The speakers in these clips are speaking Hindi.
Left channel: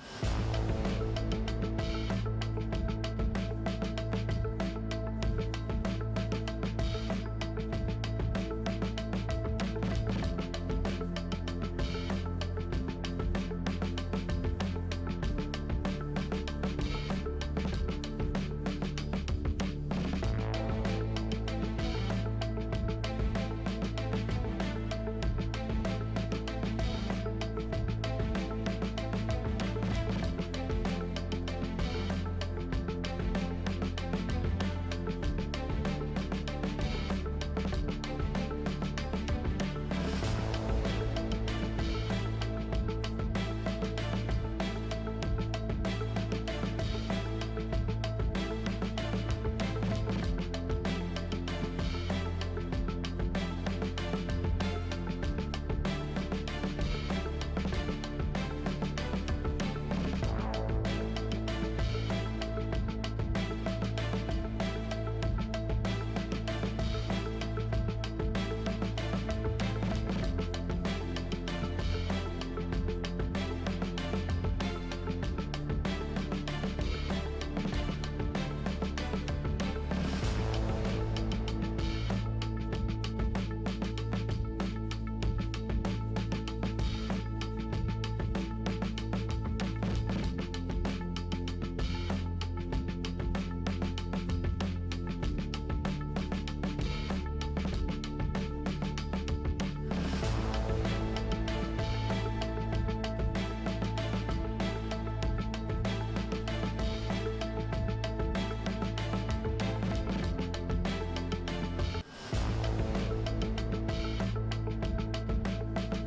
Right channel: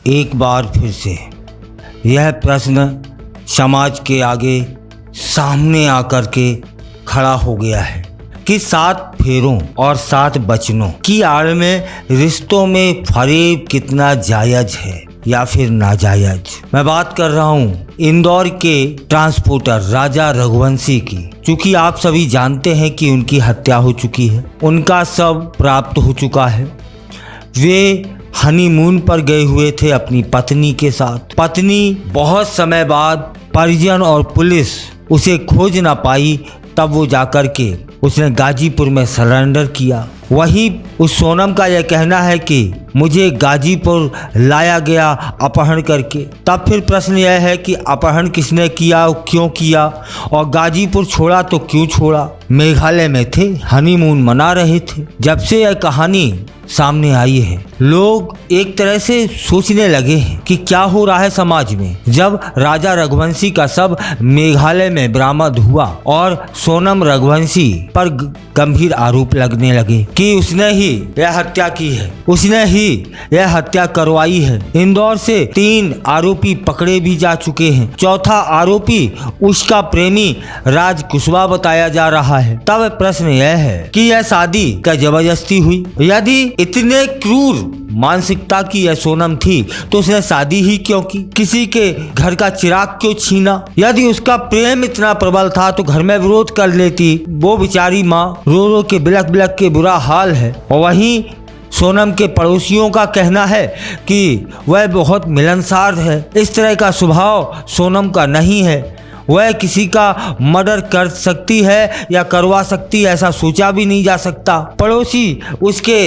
एक बार फिर से यह प्रश्न समाज के आगे सामने आकर के खड़ा हो गया है कि 7 फेरों और 7 वचनों की आड़ में रिश्तों में फरेब कितना जायज है या फिर नाजायज। मैं बात कर रहा हूँ इंदौर के ट्रांसपोर्टर राजा रघुवंशी की। क्योंकि आप सभी जानते हैं कि उनकी हत्या हो चुकी है, उनका शव प्राप्त हो चुका है। वे हनीमून पर गए हुए थे अपनी पत्नी के साथ। पत्नी बहुत समय बाद परिजन और पुलिस उसे खोज ना पाई, तब वो जाकर के उसने गाजीपुर में सरेंडर किया। वहीं उस सोनम का यह कहना है कि मुझे गाजीपुर लाया गया अपहरण करके। तब फिर प्रश्न यह है कि अपहरण किसने किया, क्यों किया और गाजीपुर छोड़ा तो क्यों छोड़ा। मेघालय में थे, हनीमून मना रहे थे। जब से यह कहानी सामने आई है, लोग एक तरह से सोचने लगे हैं कि क्या हो रहा है समाज में। जब राजा रघुवंशी का शव मेघालय में बरामद हुआ और सोनम रघुवंशी पर गंभीर आरोप लगने लगे कि उसने ही यह हत्या की है, उसने ही यह हत्या करवाई है। इंदौर से 3 आरोपी पकड़े भी जा चुके हैं। चौथा आरोपी उसका प्रेमी राज कुशवाहा बताया जा रहा है। तब प्रश्न यह है कि यह शादी क्या जबरदस्ती हुई? यदि इतने क्रूर मानसिकता की यह सोनम थी तो उसने शादी ही क्यों की? किसी के घर का चिराग क्यों छीना? यदि उसका प्रेम इतना प्रबल था तो घर में विरोध कर लेती। वो बेचारी माँ रो रो के बिलख बिलख के बुरा हाल है। और वहीं सोनम के पड़ोसियों का कहना है कि वह बहुत मिलनसार है। इस तरह का स्वभाव सोनम का नहीं है। वह किसी का मर्डर कर सकती है या करवा सकती है, ऐसा सोचा भी नहीं जा सकता। पड़ोसी उसके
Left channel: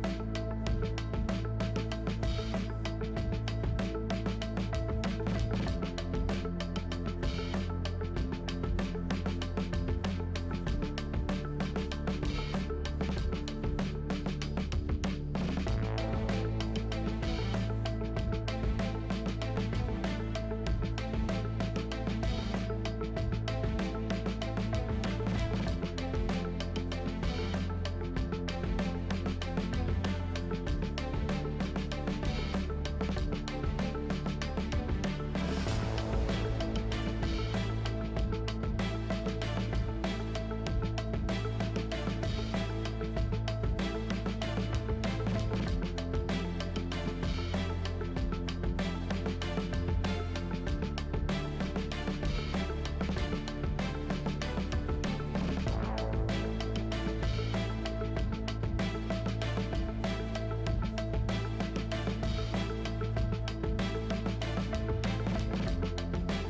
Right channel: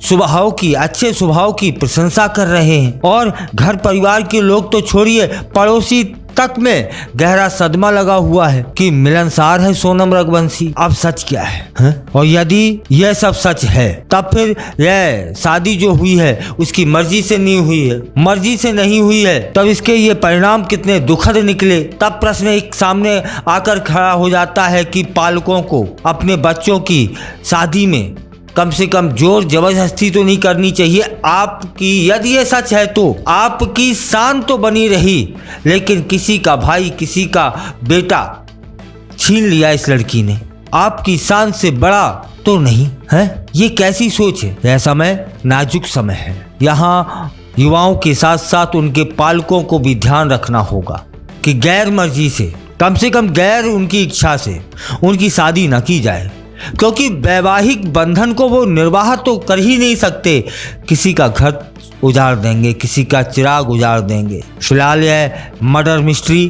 स्वभाव की, अच्छे स्वभाव की प्रशंसा कर रहे हैं और घर परिवार के लोग तो छोड़िए, पड़ोसी तक में गहरा सदमा लगा हुआ है कि मिलनसार है सोनम रघुवंशी। अब सच क्या है? और यदि यह सब सच है तब फिर यह शादी जो हुई है उसकी मर्जी से नहीं हुई है। मर्जी से नहीं हुई है तब इसके ये परिणाम कितने दुखद निकले। तब प्रश्न एक सामने आकर खड़ा हो जाता है कि पालकों को अपने बच्चों की शादी में कम से कम जोर जबरदस्ती तो नहीं करनी चाहिए। आपकी यदि ये सच है तो आपकी शान तो बनी रही, लेकिन किसी का भाई, किसी का बेटा छीन लिया इस लड़की ने। आपकी शान से बड़ा तो नहीं है। ये कैसी सोच है? यह समय नाजुक समय है। यहाँ युवाओं के साथ साथ उनके पालकों को भी ध्यान रखना होगा कि गैर मर्जी से, कम कम गैर उनकी इच्छा से उनकी शादी न की जाए, क्योंकि वैवाहिक बंधन को वो निर्वाह तो कर ही नहीं सकते। किसी का घर उजाड़ देंगे, किसी का चिराग उजाड़ देंगे। फिलहाल यह मर्डर मिस्ट्री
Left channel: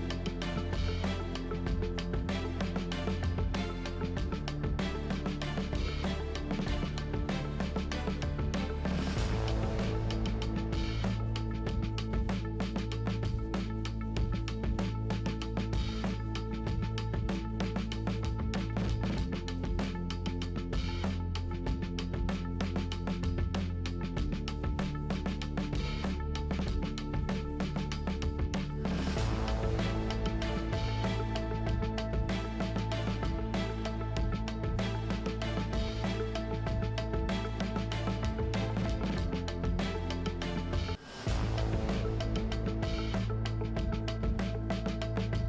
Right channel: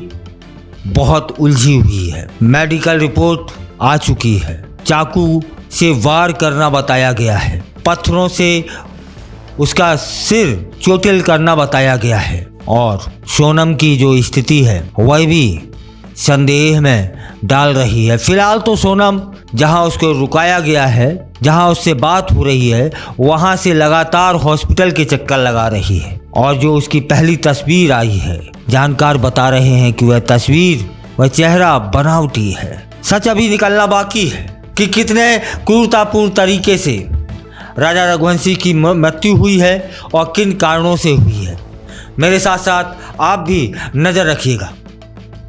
बहुत उलझी हुई है। मेडिकल रिपोर्ट आ चुकी है। चाकू से वार करना बताया गया है, पत्थरों से उसका सिर चोटिल करना बताया गया है और सोनम की जो स्थिति है वह भी संदेह में डाल रही है। फिलहाल तो सोनम जहां उसको रुकाया गया है, जहां उससे बात हो रही है, वहां से लगातार हॉस्पिटल के चक्कर लगा रही है। और जो उसकी पहली तस्वीर आई है, जानकार बता रहे हैं कि वह तस्वीर, वह चेहरा बनावटी है। सच अभी निकलना बाकी है कि कितने क्रूरतापूर्ण तरीके से राजा रघुवंशी की मृत्यु हुई है और किन कारणों से हुई है। मेरे साथ साथ आप भी नजर रखिएगा।